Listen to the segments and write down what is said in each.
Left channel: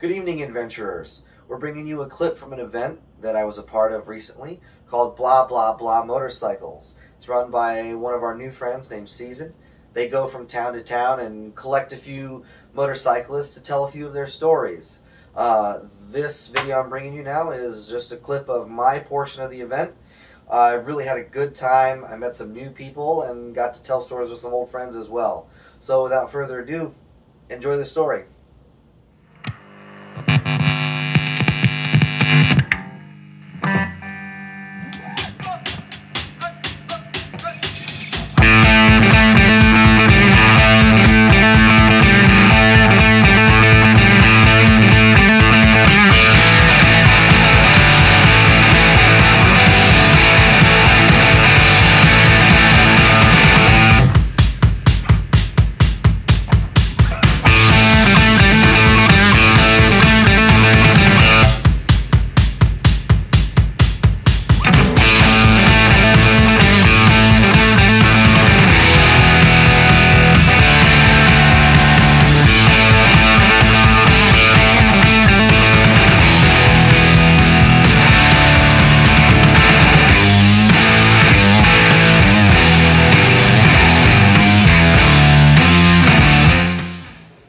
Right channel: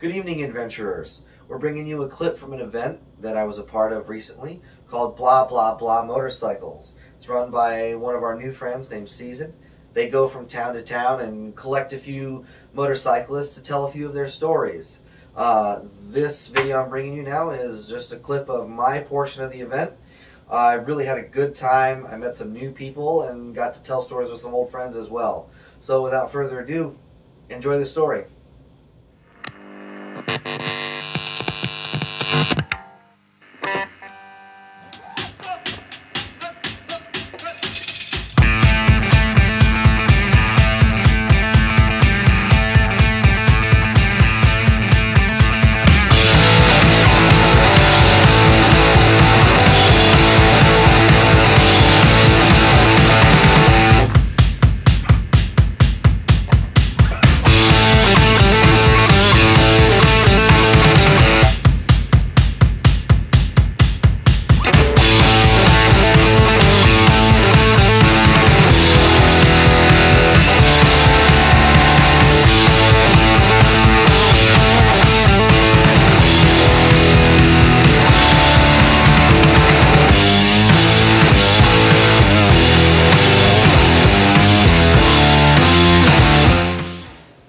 Good evening, adventurers. We're bringing you a clip from an event that I was a part of recently called BlahBlahBlah Motorcycles. It's run by one of our new friends named Season. They go from town to town and collect a few motorcyclists to tell a few of their stories. This video I'm bringing you now is just a clip of my portion of the event. I really had a good time. I met some new people and got to tell stories with some old friends as well. So without further ado, enjoy the story.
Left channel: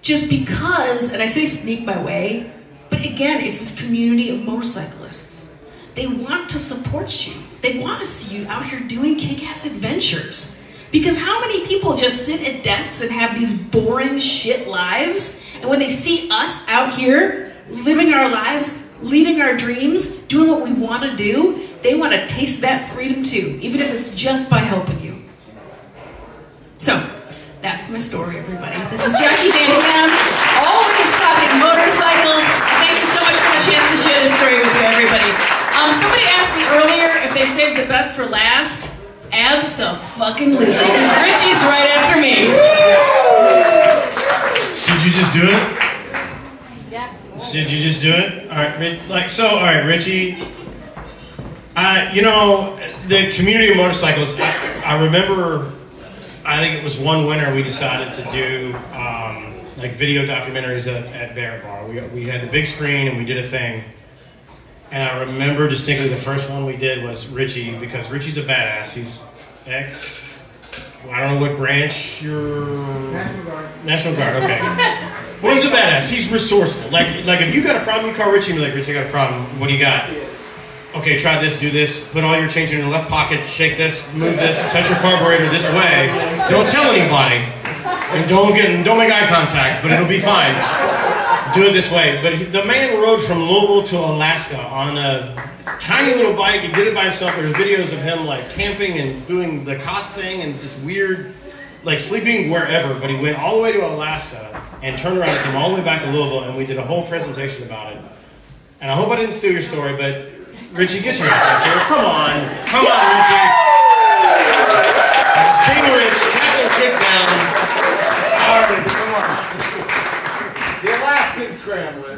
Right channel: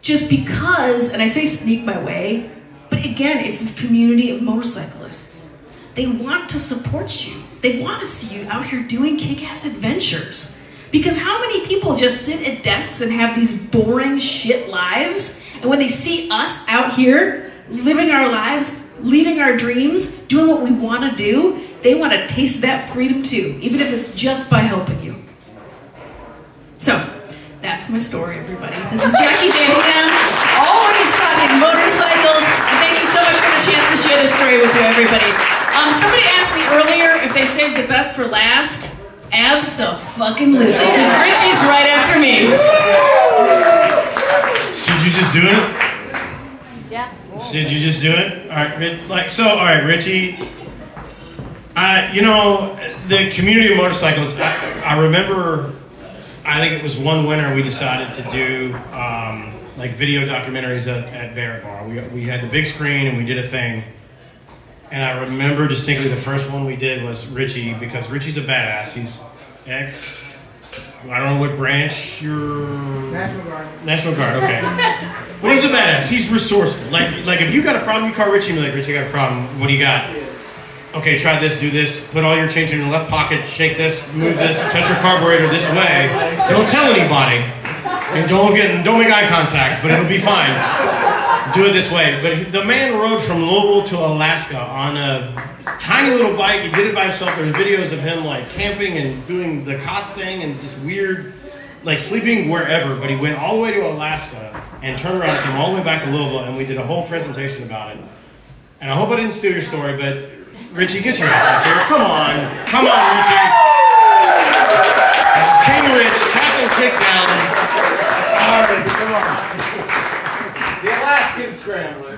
Just because, and I say sneak my way, but again, it's this community of motorcyclists. They want to support you. They want to see you out here doing kick-ass adventures. Because how many people just sit at desks and have these boring shit lives, and when they see us out here living our lives, leading our dreams, doing what we want to do, they want to taste that freedom too, even if it's just by helping you. So, that's my story, everybody. This is Jackie Van Ham, always talking motorcycles. Thank you so much for the chance to share this story with you, everybody. Somebody asked me earlier if they saved the best for last. Abso-fucking-lutely, because Richie's right after me. Should you just do it? Yeah. Should you just do it? All right, all right, Richie. You know, the community of motorcycles. I remember. I think it was one winter we decided to do like video documentaries at Barrett Bar. We had the big screen and we did a thing. And I remember distinctly the first one we did was Richie, because Richie's a badass. He's I don't know what branch you're... National Guard. National Guard, okay. But he's a badass. He's resourceful. Like if you got a problem, you call Richie and be like, Richie, I got a problem. What do you got? Okay, try this, do this, put all your change in your left pocket, shake this, move this, touch your carburetor this way. Don't tell anybody. And don't make eye contact, but it'll be fine. Do it this way. But the man rode from Louisville to Alaska on a tiny little bike. He did it by himself. There's videos of him like camping and doing the cot thing and just weird, like sleeping wherever. But he went all the way to Alaska and turned around and came all the way back to Louisville, and we did a whole presentation about it. And I hope I didn't steal your story, but Richie, get your ass out there. Come on, Richie. King Rich, Captain Kickdown. All right, come on. The Alaskan Scrambler.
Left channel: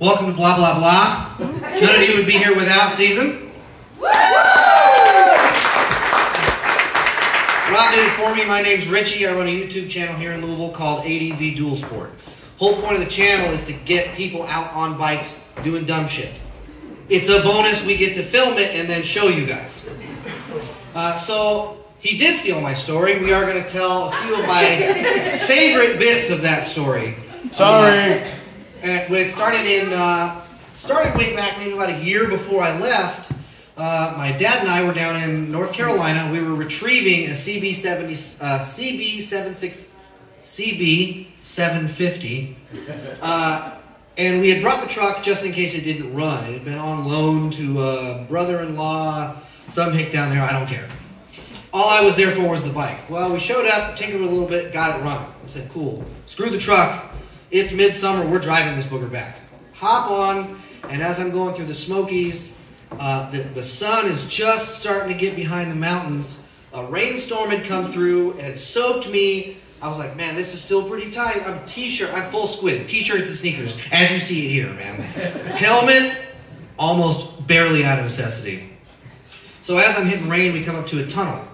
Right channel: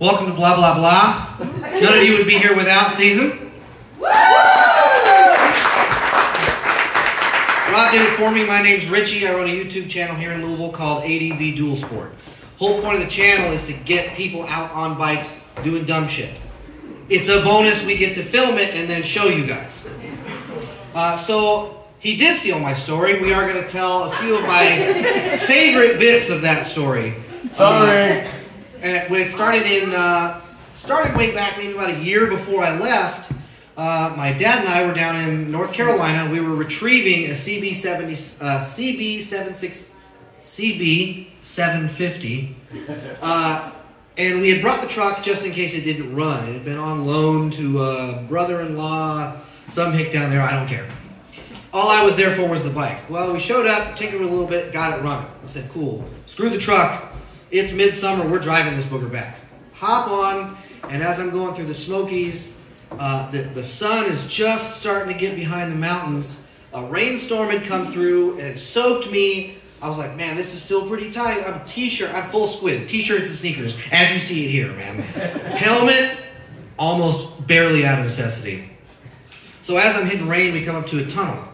Welcome to Blah Blah Blah. None of you would be here without Season. Robbing for me, my name's Richie. I run a YouTube channel here in Louisville called ADV Dual Sport. Whole point of the channel is to get people out on bikes doing dumb shit. It's a bonus. We get to film it and then show you guys. So he did steal my story. We are going to tell a few of my favorite bits of that story. Sorry. When it started way back, maybe about a year before I left. My dad and I were down in North Carolina. We were retrieving a CB750. And we had brought the truck just in case it didn't run. It had been on loan to a brother-in-law, some hick down there, I don't care. All I was there for was the bike. Well, we showed up, tinkered a little bit, got it running. I said, cool. Screw the truck. It's midsummer, we're driving this booger back. Hop on, and as I'm going through the Smokies, the sun is just starting to get behind the mountains. A rainstorm had come through, and it soaked me. I was like, man, this is still pretty tight. I'm full squid. T-shirts and sneakers, as you see it here, man. Helmet, almost barely out of necessity. So as I'm hitting rain, we come up to a tunnel.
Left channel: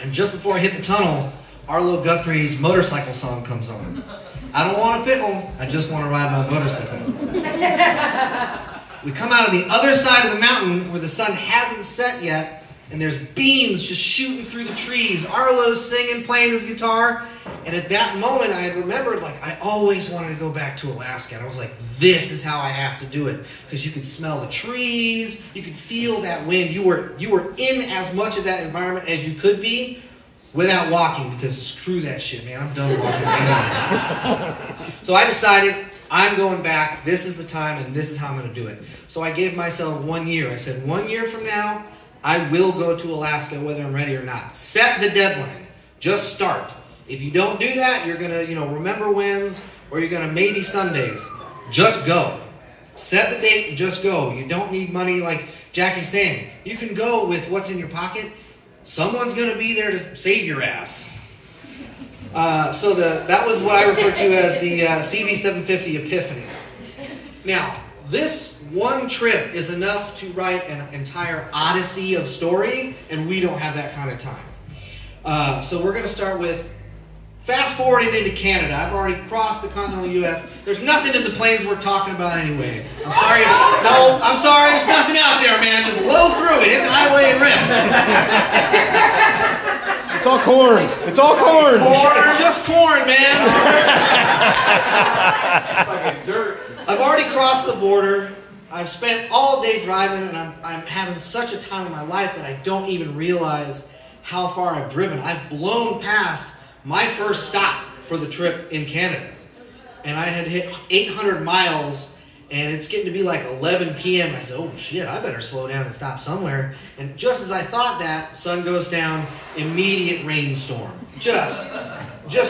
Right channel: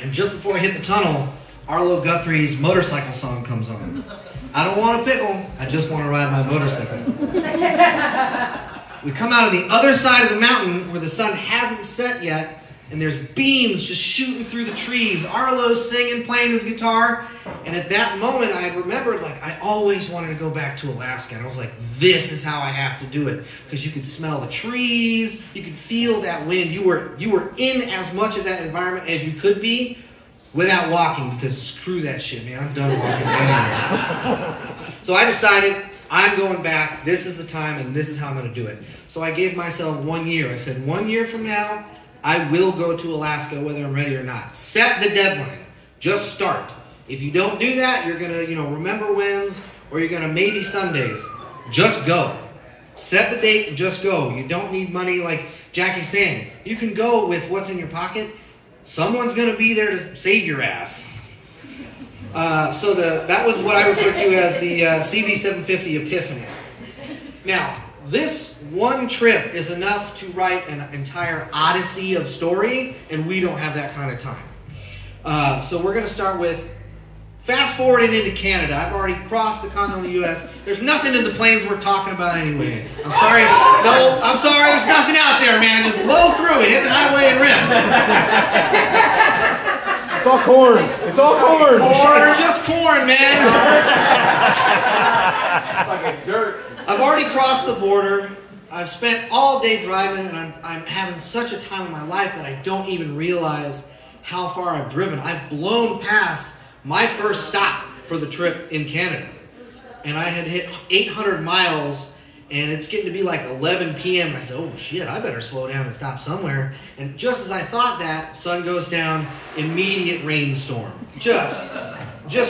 And just before I hit the tunnel, Arlo Guthrie's motorcycle song comes on. I don't want a pickle, I just want to ride my motorcycle. We come out on the other side of the mountain where the sun hasn't set yet, and there's beams just shooting through the trees. Arlo's singing, playing his guitar, and at that moment I remembered, like, I always wanted to go back to Alaska, and I was like, this is how I have to do it, because you could smell the trees, you could feel that wind. You were in as much of that environment as you could be without walking, because screw that shit, man. I'm done walking anyway. So I decided I'm going back. This is the time, and this is how I'm going to do it. So I gave myself 1 year. I said, 1 year from now, I will go to Alaska whether I'm ready or not. Set the deadline. Just start. If you don't do that, you're going to, remember wins, or you're going to maybe Sundays. Just go. Set the date and just go. You don't need money like Jackie's saying. You can go with what's in your pocket. Someone's going to be there to save your ass. So that was what I refer to as the CB750 Epiphany. Now, this one trip is enough to write an entire odyssey of story, and we don't have that kind of time. So we're going to start with fast forwarding into Canada. I've already crossed the continental U.S. There's nothing in the plains we're talking about anyway. I'm sorry. No, I'm sorry. There's nothing out there, man. Just blow through it. Hit the highway and rim. It's all corn. It's all corn. It's just corn, man. Fucking dirt. I've already crossed the border. I've spent all day driving, and I'm having such a time of my life that I don't even realize how far I've driven. I've blown past my first stop for the trip in Canada, and I had hit 800 miles, and it's getting to be like 11 p.m. I said, oh shit, I better slow down and stop somewhere. And just as I thought that, sun goes down, immediate rainstorm. Just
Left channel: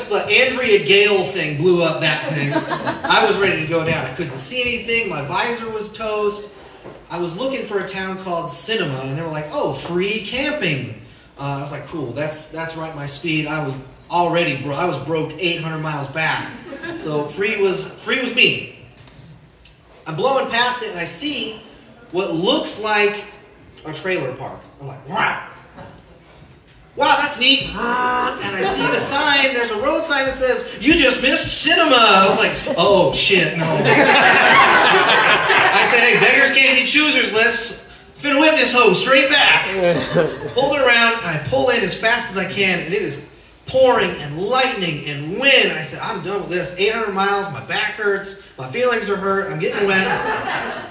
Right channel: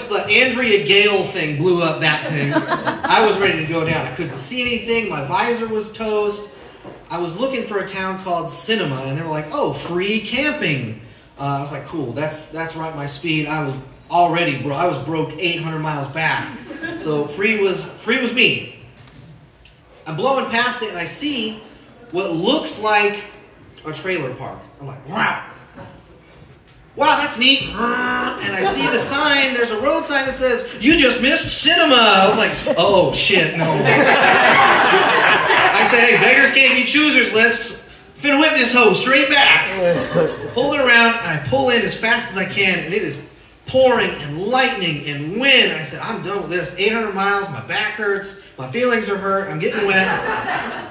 the Andrea Gale thing blew up that thing. I was ready to go down. I couldn't see anything. My visor was toast. I was looking for a town called Cinema, and they were like, oh, free camping. I was like, cool, that's right my speed. I was already I was broke 800 miles back. So free was me. I'm blowing past it, and I see what looks like a trailer park. I'm like, wow. Wow, that's neat. And I see the sign. There's a road sign that says, you just missed Cinema. I was like, oh, shit, no. I say, hey, beggars can't be choosers. Let's finna whip this hoe straight back. Pull it around, and I pull in as fast as I can, and it is pouring and lightning and wind. And I said, I'm done with this. 800 miles, my back hurts, my feelings are hurt, I'm getting wet.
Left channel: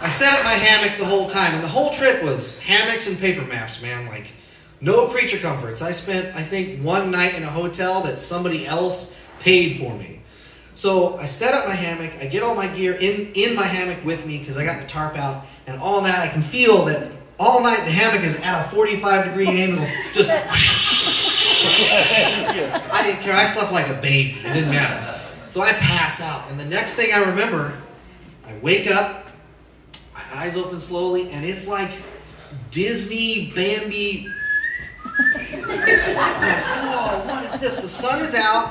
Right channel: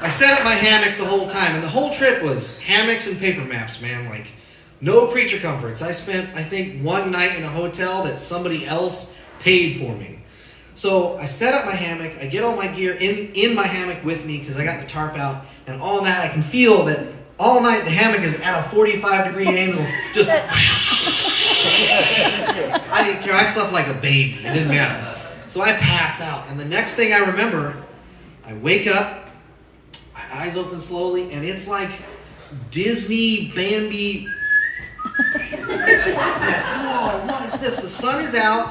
I sat at my hammock the whole time, and the whole trip was hammocks and paper maps, man. Like, no creature comforts. I spent, I think, one night in a hotel that somebody else paid for me. So I set up my hammock. I get all my gear in my hammock with me because I got the tarp out. And all night I can feel that all night the hammock is at a 45-degree angle. Just I didn't care. I slept like a baby. It didn't matter. So I pass out. And the next thing I remember, I wake up, my eyes open slowly, and it's like Disney Bambi. Whoa, what is this? The sun is out.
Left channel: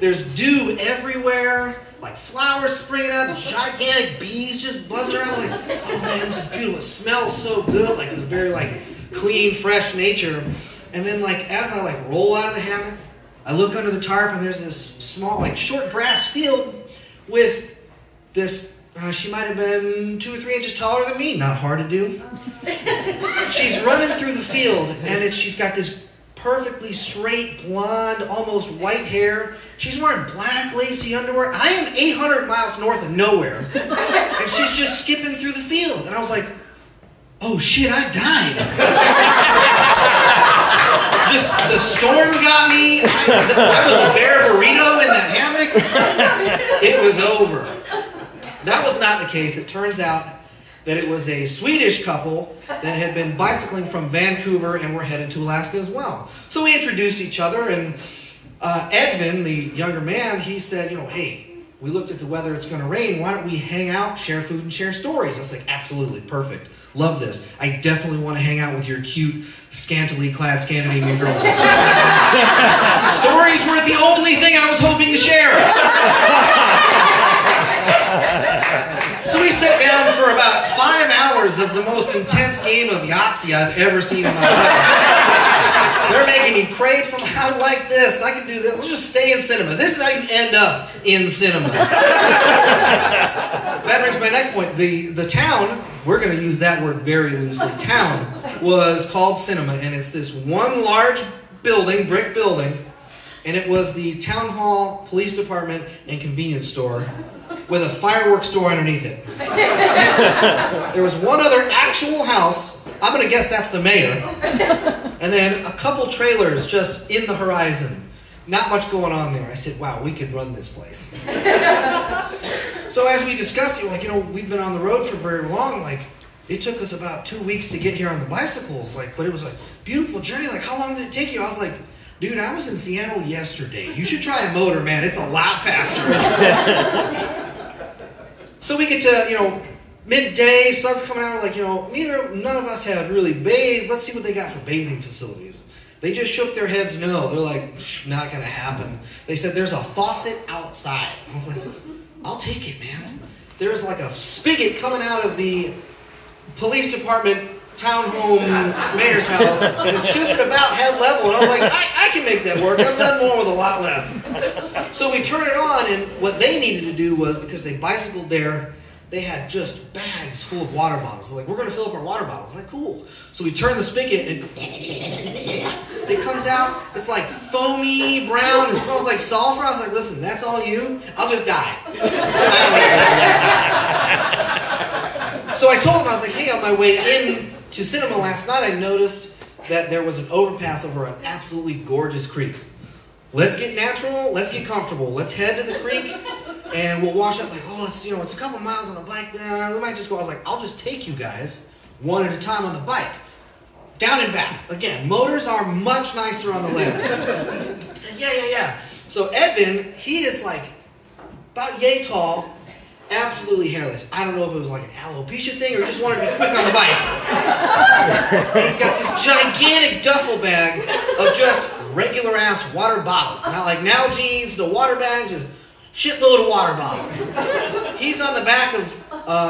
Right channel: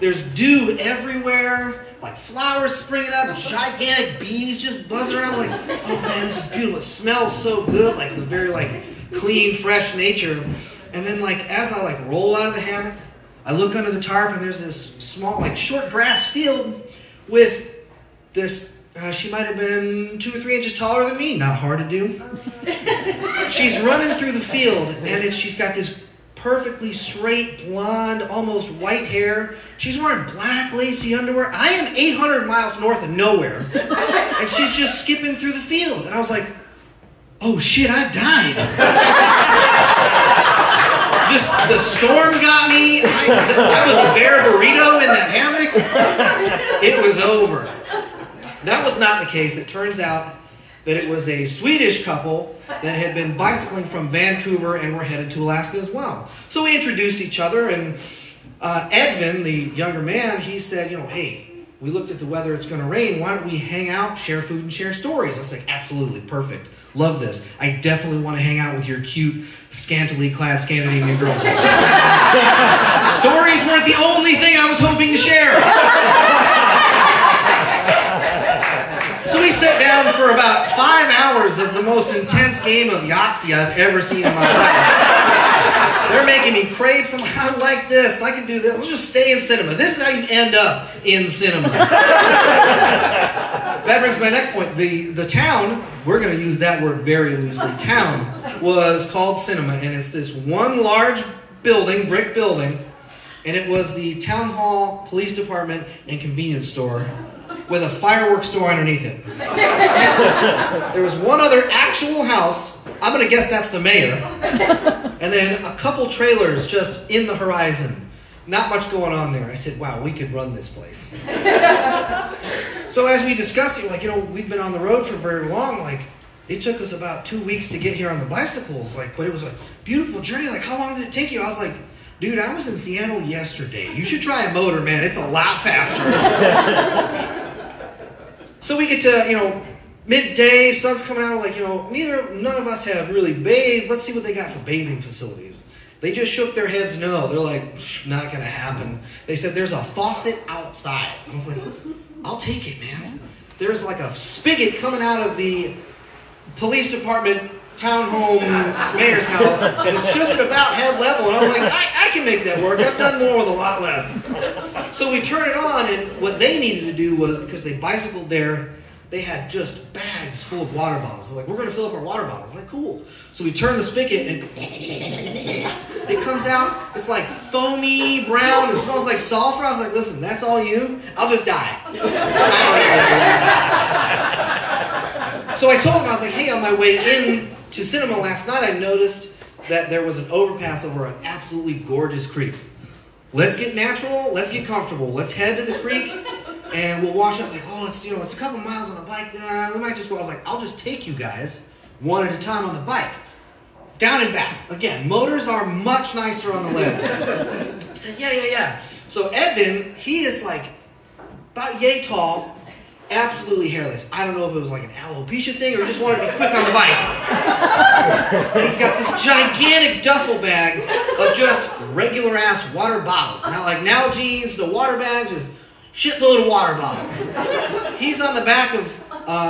There's dew everywhere. Like flowers springing up. Gigantic bees just buzzing around. Like, oh man, this is beautiful. It smells so good. Like the very clean, fresh nature. And then as I roll out of the hammock, I look under the tarp and there's this small short grass field with this. She might have been 2 or 3 inches taller than me. Not hard to do. She's running through the field, and she's got this perfectly straight, blonde, almost white hair. She's wearing black, lacy underwear. I am 800 miles north of nowhere, and she's just skipping through the field. And I was like, oh shit, I've died. The storm got me. I was a bear burrito in that hammock. It was over. That was not the case. It turns out that it was a Swedish couple that had been bicycling from Vancouver and were headed to Alaska as well. So we introduced each other, and Edvin, the younger man, he said, hey, we looked at the weather, it's going to rain. Why don't we hang out, share food, and share stories? I was like, absolutely, perfect. Love this. I definitely want to hang out with your cute, scantily clad Scandinavian girlfriend. Stories weren't the only thing I was hoping to share. So we sat down for about 5 hours of the most intense game of Yahtzee I've ever seen in my life. They're making me crepes. I'm like, I like this. I can do this. Let's just stay in cinema. This is how you end up in cinema. That brings my next point. The town, we're going to use that word very loosely. Town was called Cinema, and it's this one large building, brick building, and it was the town hall, police department, and convenience store with a fireworks store underneath it. There was one other actual house. I'm going to guess that's the mayor. And then a couple trailers just in the horizon. Not much going on there. I said, wow, we could run this place. So as we discussed it, like, you know, we've been on the road for very long. Like, it took us about 2 weeks to get here on the bicycles. Like, but it was a beautiful journey. Like, how long did it take you? I was like, dude, I was in Seattle yesterday. You should try a motor, man. It's a lot faster. So we get to, you know, midday, sun's coming out. We're like, you know, none of us have really bathed. Let's see what they got for bathing facilities. They just shook their heads no. They're like, not going to happen. They said, there's a faucet outside. I was like, I'll take it, man. There's like a spigot coming out of the police department townhome mayor's house, and it's just at about head level. And I was like, I can make that work. I've done more with a lot less. So we turn it on, and what they needed to do was, because they bicycled there, they had just bags full of water bottles. They're like, we're going to fill up our water bottles. I'm like, cool. So we turn the spigot, and it comes out. It's like foamy brown. It smells like sulfur. I was like, listen, that's all you? I'll just die. So I told him, I was like, hey, on my way in to cinema last night, I noticed that there was an overpass over an absolutely gorgeous creek. Let's get natural. Let's get comfortable. Let's head to the creek. And we'll wash up like, oh, it's, you know, it's a couple miles on a bike. We might just go. I was like, I'll just take you guys one at a time on the bike. Down and back. Again, motors are much nicer on the legs. I said, yeah. So Evan, he is like about yay tall, absolutely hairless. I don't know if it was like an alopecia thing or he just wanted to be quick on the bike. And he's got this gigantic duffel bag of just regular ass water bottles. Not like now jeans, no water bags, just shitload of water bottles. He's on the back of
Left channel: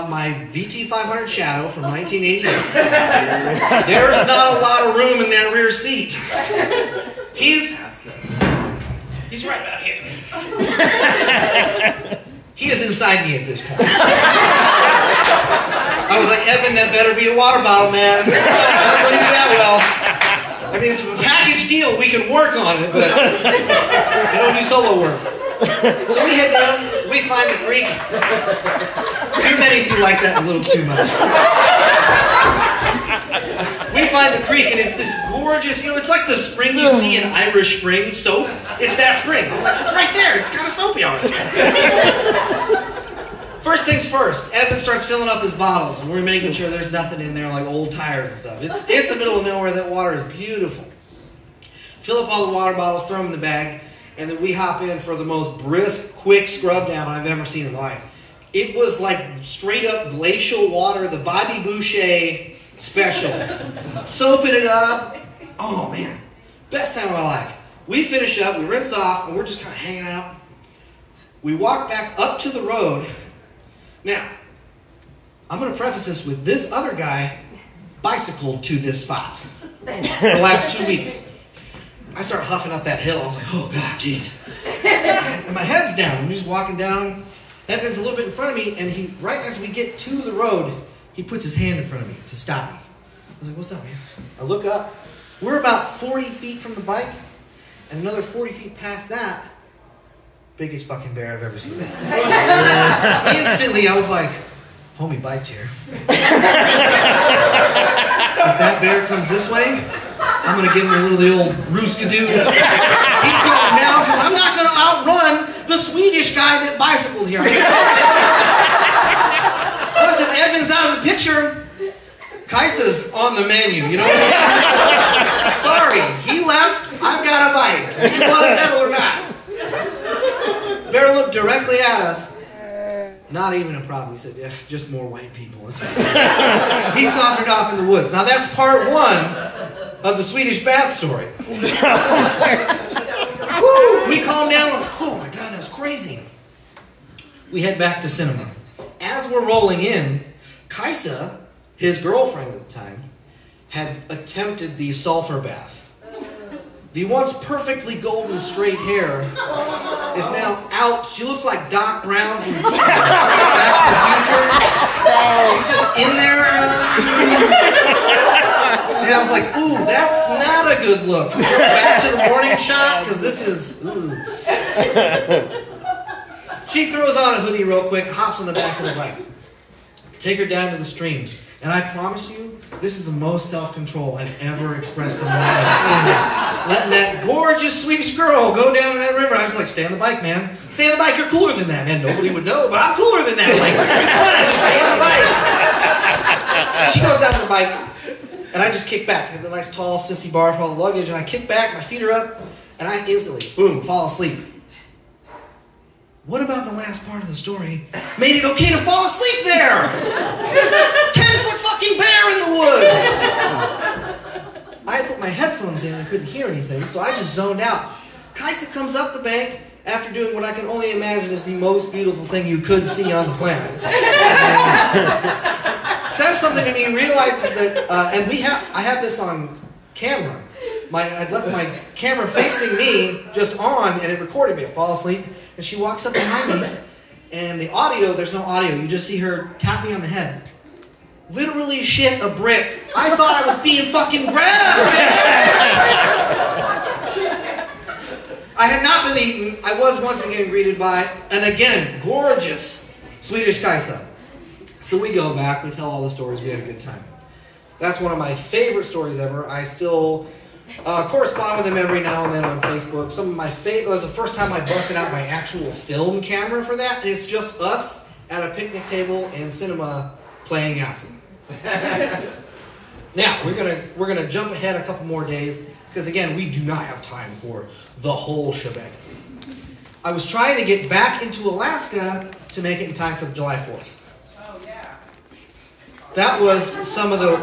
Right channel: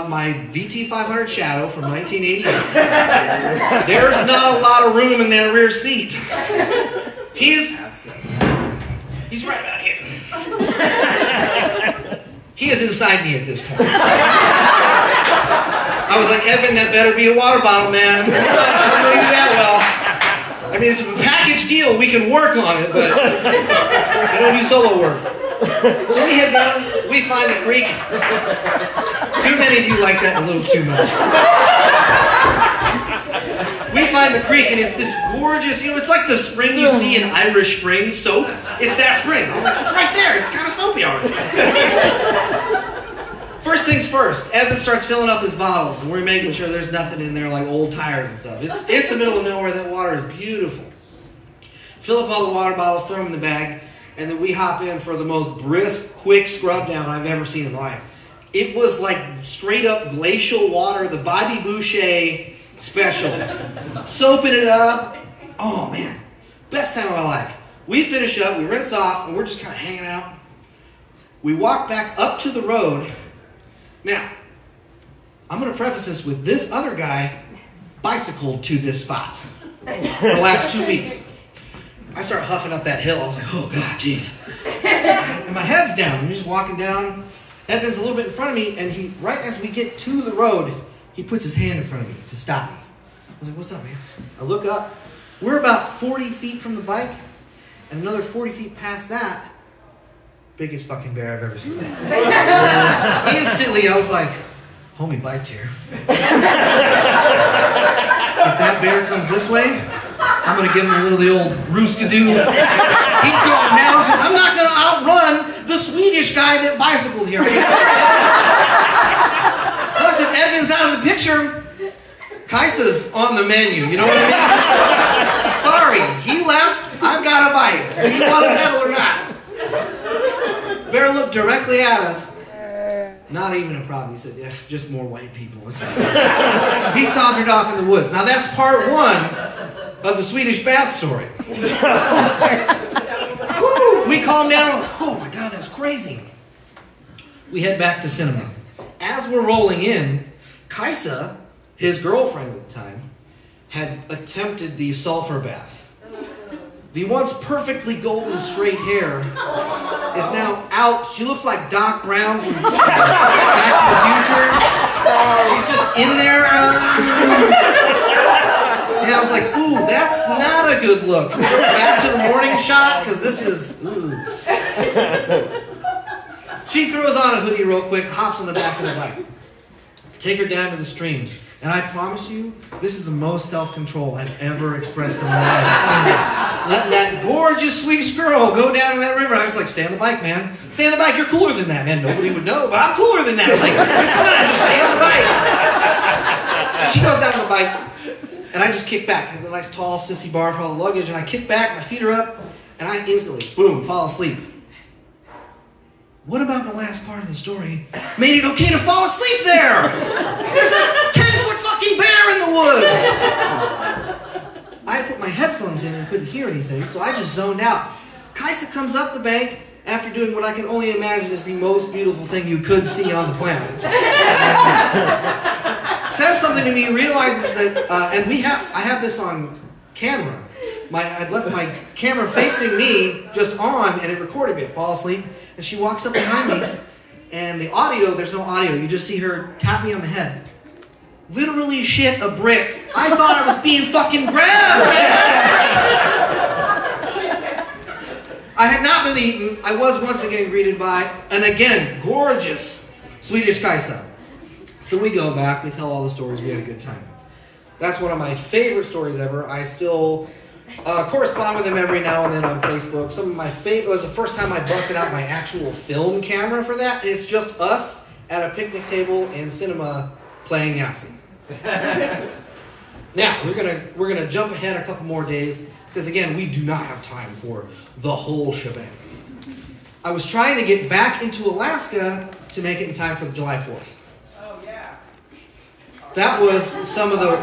my VT500 Shadow from 1988. There's not a lot of room in that rear seat. He's right about here. He is inside me at this point. I was like, Evan, that better be a water bottle, man. I don't know you that well. I mean, it's a package deal. We can work on it, but I don't do solo work. So we head down, we find the creek. Too many of you like that a little too much. We find the creek, and it's this gorgeous, you know, it's like the spring you see in Irish Spring soap. It's that spring. I was like, it's right there. It's kind of soapy already. First things first, Evan starts filling up his bottles, and we're making sure there's nothing in there like old tires and stuff. It's the middle of nowhere. That water is beautiful. Fill up all the water bottles, throw them in the bag. And then we hop in for the most brisk, quick scrub down I've ever seen in life. It was like straight up glacial water, the Bobby Boucher special. Soaping it up. Oh man, best time of my life. We finish up, we rinse off, and we're just kind of hanging out. We walk back up to the road. Now, I'm going to preface this with this other guy bicycled to this spot for the last 2 weeks. I start huffing up that hill. I was like, oh, God, jeez. And my head's down. I'm just walking down. Evan's a little bit in front of me, and he, right as we get to the road, he puts his hand in front of me to stop me. I was like, what's up, man? I look up. We're about 40 feet from the bike, and another 40 feet past that, biggest fucking bear I've ever seen. Instantly, I was like, homie, bike chair. If that bear comes this way, I'm going to give him a little of the old rooskadoo. He's going down because I'm not going to outrun the Swedish guy that bicycled here. Plus, if Evan's out of the picture, Kaisa's on the menu. You know what I mean? Sorry, he left. I've got a bike. If you want to pedal or not. Bear looked directly at us. Not even a problem. He said, yeah, just more white people. He sauntered off in the woods. Now, that's part one of the Swedish bath story. Woo, we calm down. Oh, my God, that's crazy. We head back to cinema. As we're rolling in, Kaisa, his girlfriend at the time, had attempted the sulfur bath. The once perfectly golden straight hair is now out. She looks like Doc Brown from Back to the Future. She's just in there. And I was like, ooh, that's not a good look. Back to the morning shot, because this is, ooh. She throws on a hoodie real quick, hops on the back of the bike. Take her down to the stream. And I promise you, this is the most self-control I've ever expressed in my life. Letting that gorgeous Swedish girl go down to that river. I was like, stay on the bike, man. Stay on the bike, you're cooler than that. And nobody would know, but I'm cooler than that. Like, it's fine, just stay on the bike. So she goes down to the bike, and I just kick back. I have a nice tall sissy bar for all the luggage, and I kick back, my feet are up, and I instantly, boom, fall asleep. What about the last part of the story made it okay to fall asleep there? There's a 10-foot fucking bear in the woods! I put my headphones in and couldn't hear anything, so I just zoned out. Kaisa comes up the bank after doing what I can only imagine is the most beautiful thing you could see on the planet. Says something to me, realizes that, and I have this on camera. I'd left my camera facing me, just on, and it recorded me. I fall asleep, and she walks up behind me, and the audio, there's no audio. You just see her tap me on the head. Literally shit a brick. I thought I was being fucking grabbed. I had not been eaten. I was once again greeted by an again gorgeous Swedish Kaisa. So we go back, we tell all the stories, we had a good time. That's one of my favorite stories ever. I still correspond with them every now and then on Facebook. Some of my favorite, it was the first time I busted out my actual film camera for that, and it's just us at a picnic table in cinema playing Yahtzee. Now, we're gonna jump ahead a couple more days, because again, we do not have time for the whole shebang. I was trying to get back into Alaska to make it in time for July 4th. That was some of the...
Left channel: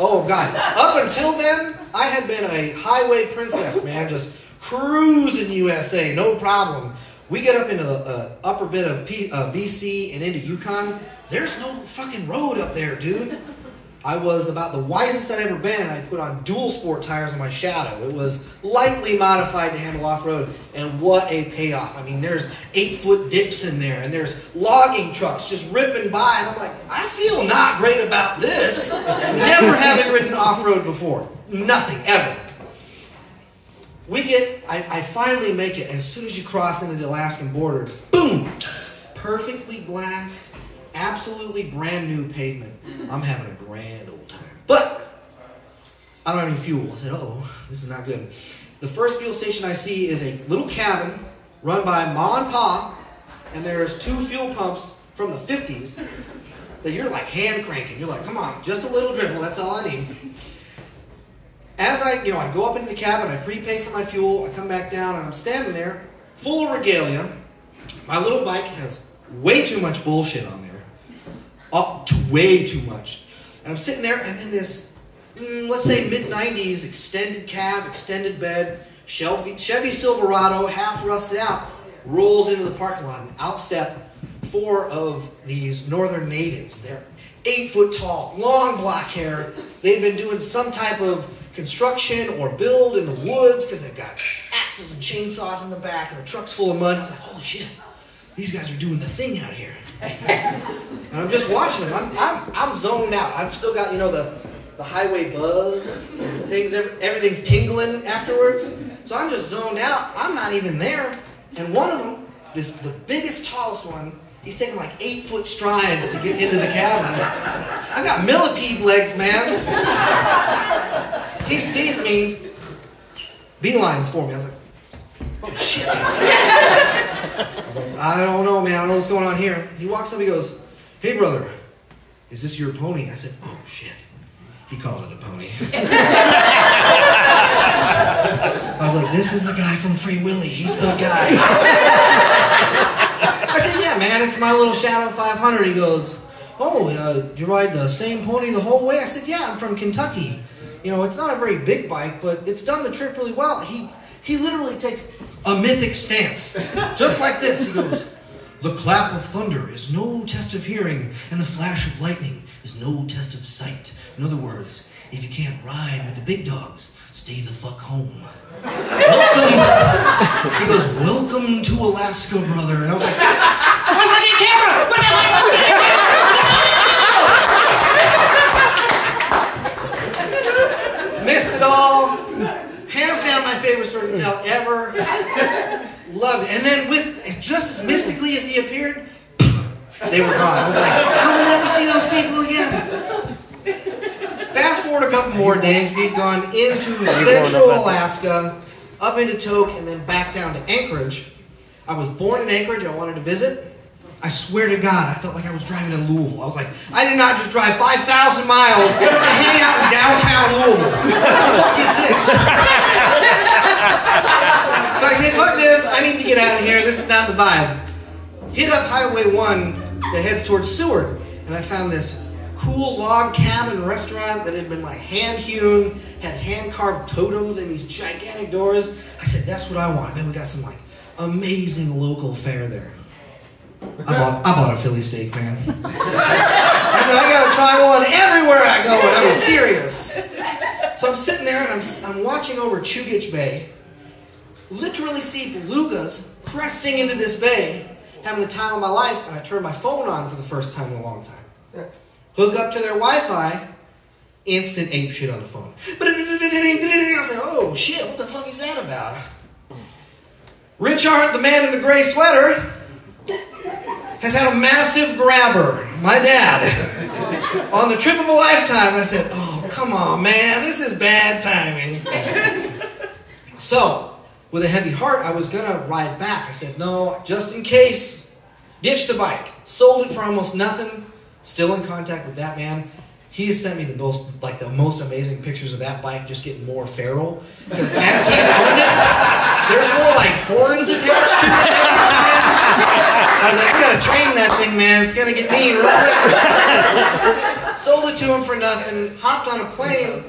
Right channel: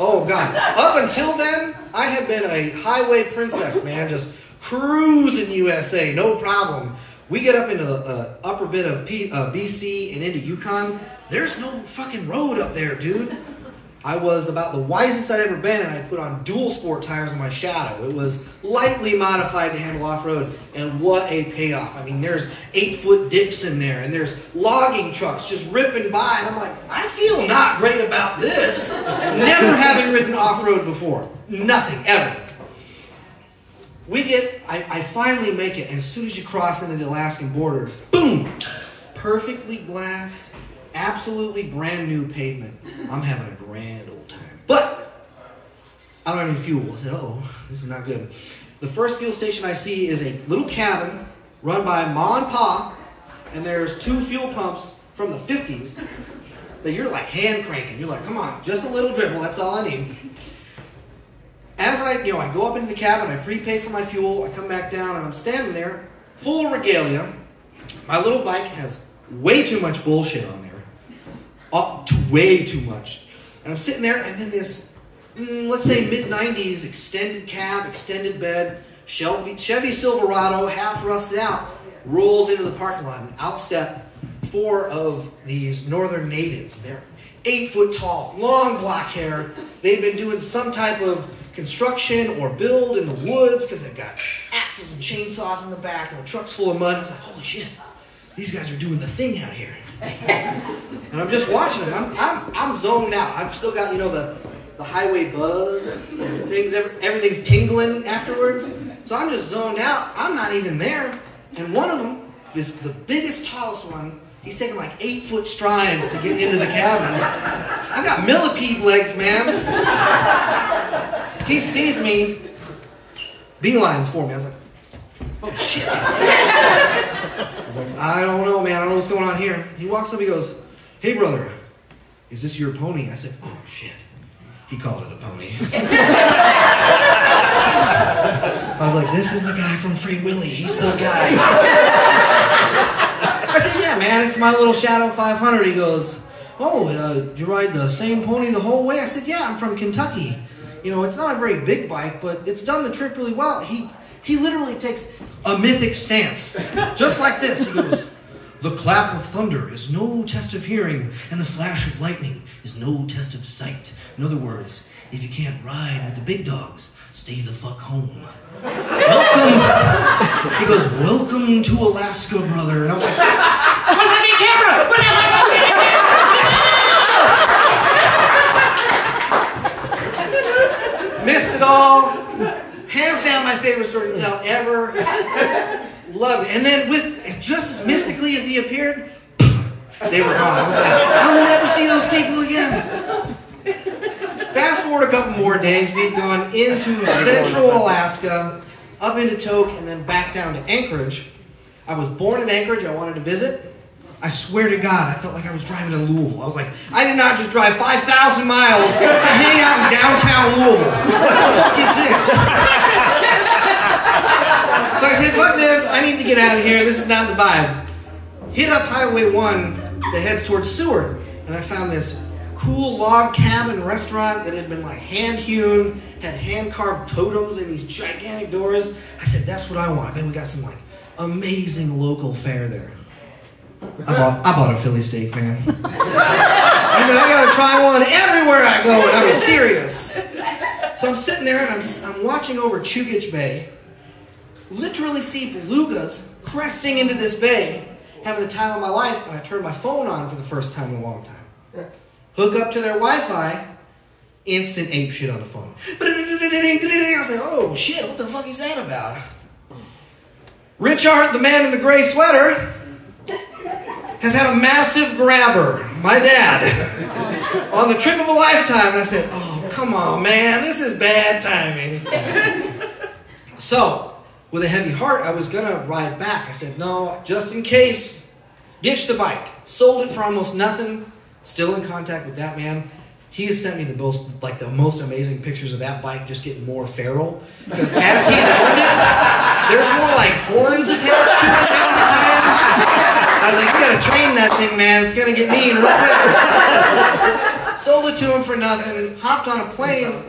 Oh, God. Up until then, I had been a highway princess, man. Just cruising USA, no problem. We get up into the upper bit of BC and into Yukon. There's no fucking road up there, dude. I was about the wisest I'd ever been, and I put on dual sport tires on my Shadow. It was lightly modified to handle off-road, and what a payoff. I mean, there's 8-foot dips in there, and there's logging trucks just ripping by, and I'm like, I feel not great about this. Never having ridden off-road before. Nothing, ever. I finally make it, and as soon as you cross into the Alaskan border, boom! Perfectly glassed, absolutely brand new pavement. I'm having a grand old time. But I don't have any fuel. I said, oh, this is not good. The first fuel station I see is a little cabin run by Ma and Pa, and there's 2 fuel pumps from the 50s that you're like hand cranking. You're like, come on, just a little dribble, that's all I need. As I go up into the cabin, I prepay for my fuel, I come back down, and I'm standing there, full of regalia. My little bike has way too much bullshit on there. Way too much. And I'm sitting there, and then this, let's say mid-90s extended cab, extended bed, Chevy Silverado, half rusted out, rolls into the parking lot, and out step 4 of these northern natives. They're 8 foot tall, long black hair. They've been doing some type of construction or build in the woods because they've got axles and chainsaws in the back, and the truck's full of mud. I was like, holy shit, these guys are doing the thing out here. And I'm just watching them. I'm zoned out. I've still got, the highway buzz and things. Everything's tingling afterwards. So I'm just zoned out. I'm not even there. And one of them, the biggest, tallest one, he's taking like 8-foot strides to get into the cabin. I got millipede legs, man. He sees me, beelines for me. I was like, oh shit. I was like, I don't know, man. I don't know what's going on here. He walks up, he goes, hey, brother, is this your pony? I said, oh, shit. He called it a pony. I was like, this is the guy from Free Willy. He's the guy. I said, yeah, man, it's my little Shadow 500. He goes, oh, did you ride the same pony the whole way? I said, yeah, I'm from Kentucky. It's not a very big bike, but it's done the trip really well. He literally takes a mythic stance, just like this. He goes, the clap of thunder is no test of hearing, and the flash of lightning is no test of sight. In other words, if you can't ride with the big dogs, stay the fuck home. Welcome. He goes, welcome to Alaska, brother. And I was like, what's the fucking camera? What's the fucking camera? Missed it all. Hands down my favorite story to tell ever. Love it. And then with just as mystically as he appeared, they were gone. I was like, I will never see those people again. Fast forward a couple more days, we'd gone into central Alaska, up into Tok, and then back down to Anchorage. I was born in Anchorage. I wanted to visit. I swear to God, I felt like I was driving to Louisville. I was like, I did not just drive 5,000 miles to hang out in downtown Louisville. What the fuck is this? So I said, fuck this. I need to get out of here. This is not the vibe. Hit up Highway 1 that heads towards Seward, and I found this cool log cabin restaurant that had been like hand-hewn, had hand-carved totems and these gigantic doors. I said, that's what I want. Then we got some like amazing local fare there. I bought a Philly steak, man. I said, I gotta try one everywhere I go, and I was serious. So I'm sitting there and I'm watching over Chugach Bay, literally see belugas cresting into this bay, having the time of my life, and I turned my phone on for the first time in a long time. Hook up to their Wi-Fi, instant ape shit on the phone. I was like, oh shit, what the fuck is that about? Richard, the man in the gray sweater, has had a massive grabber, my dad, on the trip of a lifetime. And I said, oh, come on, man, this is bad timing. So, with a heavy heart, I was gonna ride back. I said, no, just in case, ditch the bike. Sold it for almost nothing. Still in contact with that man. He has sent me the most amazing pictures of that bike just getting more feral. Because as he's owned it, there's more like horns attached to it every time. I was like, we gotta train that thing, man. It's gonna get mean real quick. Sold it to him for nothing, hopped on a plane,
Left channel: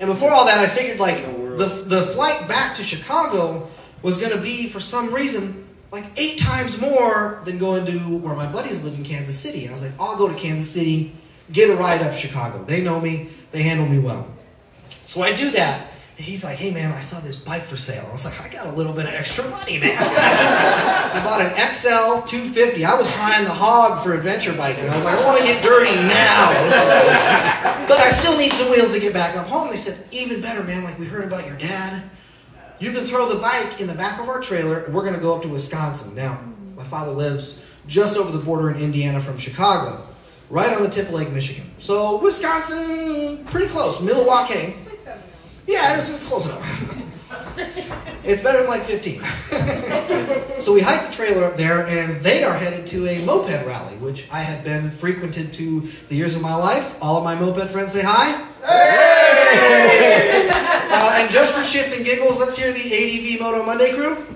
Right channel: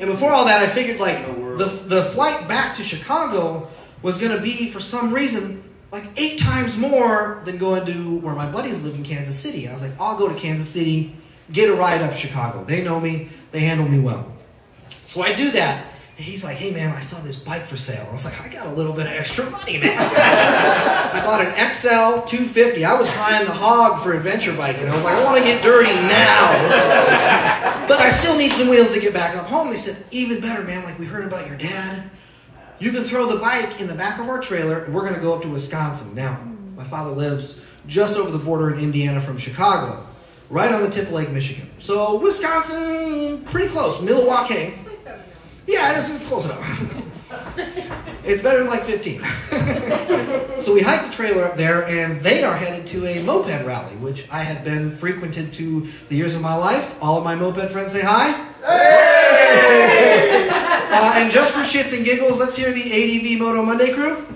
and before all that I figured like the flight back to Chicago was gonna be, for some reason, like 8 times more than going to where my buddies live in Kansas City. I was like, I'll go to Kansas City, get a ride up Chicago. They know me, they handle me well. So I do that, and he's like, hey man, I saw this bike for sale. I was like, I got a little bit of extra money, man. I bought an XL 250. I was flying the hog for adventure biking. I was like, I want to get dirty now. But I still need some wheels to get back up home. They said, even better, man, like we heard about your dad. You can throw the bike in the back of our trailer, and we're going to go up to Wisconsin. Now, my father lives just over the border in Indiana from Chicago, right on the tip of Lake Michigan. So, Wisconsin, pretty close. Milwaukee. Yeah, it's close enough. It's better than like 15. So we hiked the trailer up there, and they are headed to a moped rally, which I had been frequented to the years of my life. All of my moped friends say hi. Hey! And just for shits and giggles, let's hear the ADV Moto Monday crew.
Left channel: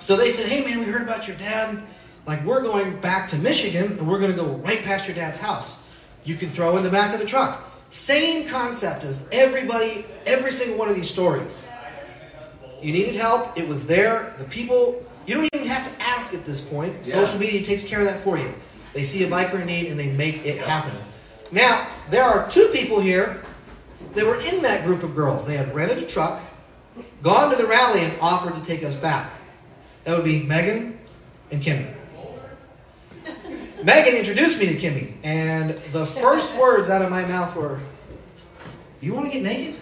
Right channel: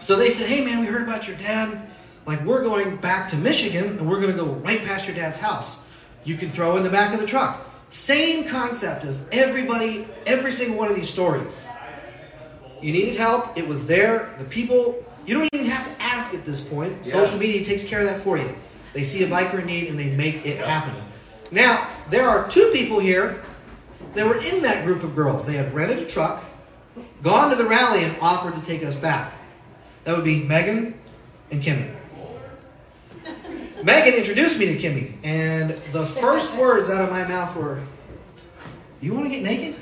So they said, hey man, we heard about your dad. Like, we're going back to Michigan, and we're going to go right past your dad's house. You can throw in the back of the truck. Same concept as every single one of these stories. You needed help. It was there. The people, you don't even have to ask at this point. Yeah. Social media takes care of that for you. They see a biker in need and they make it happen. Now, there are 2 people here that were in that group of girls. They had rented a truck, gone to the rally, and offered to take us back. That would be Megan and Kimmy. Megan introduced me to Kimmy, and the first words out of my mouth were, you want to get naked?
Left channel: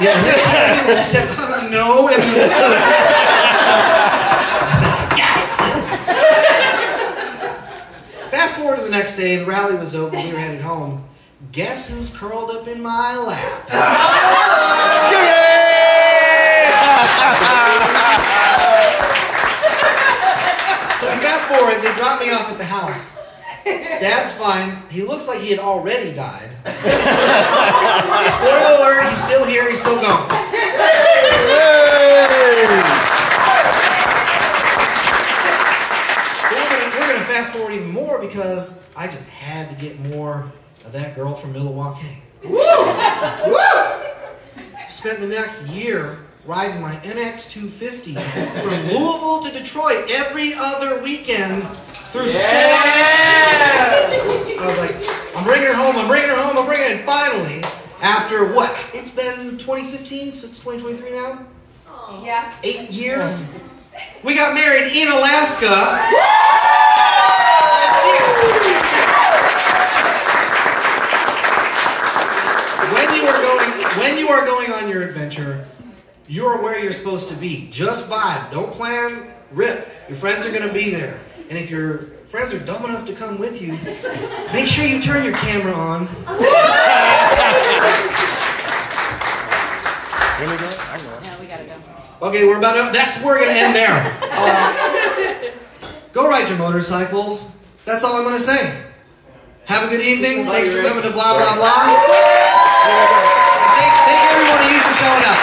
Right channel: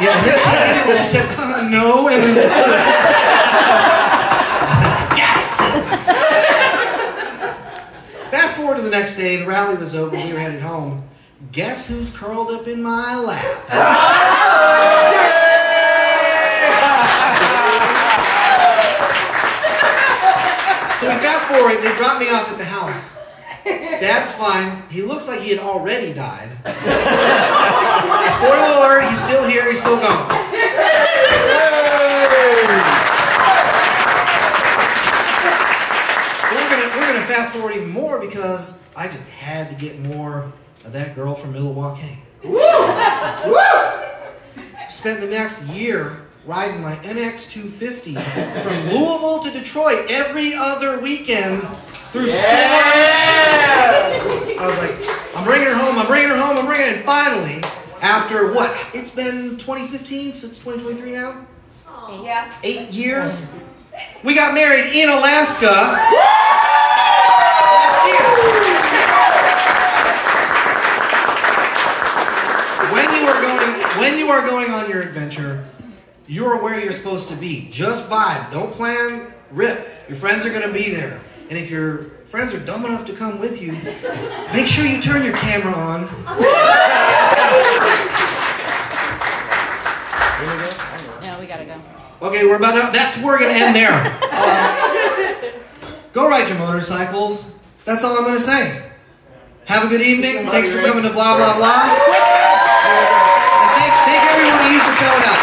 Yeah, and then she said, no, and then I said, yes. Fast forward to the next day, the rally was over, we were headed home. Guess who's curled up in my lap? So we fast forward, they drop me off at the house. Dad's fine. He looks like he had already died. Spoiler alert, he's still here, he's still gone. We're gonna fast forward even more because I just had to get more of that girl from Milwaukee. Spent the next year riding my NX 250 from Louisville to Detroit every other weekend through storms. I was like, I'm bringing her home, I'm bringing her home, I'm bringing her. And finally, after what? It's been 2015, so it's 2023 now? Yeah. 8 years. We got married in Alaska. Last year. When you are going on your adventure, you're where you're supposed to be. Just vibe. Don't plan, riff. Your friends are going to be there. And if your friends are dumb enough to come with you, make sure you turn your camera on. No, we gotta go. Okay, we're gonna end there. Go ride your motorcycles. That's all I'm gonna say. Have a good evening. Thanks for coming to Blah Blah Blah. And thank every one of you for showing up.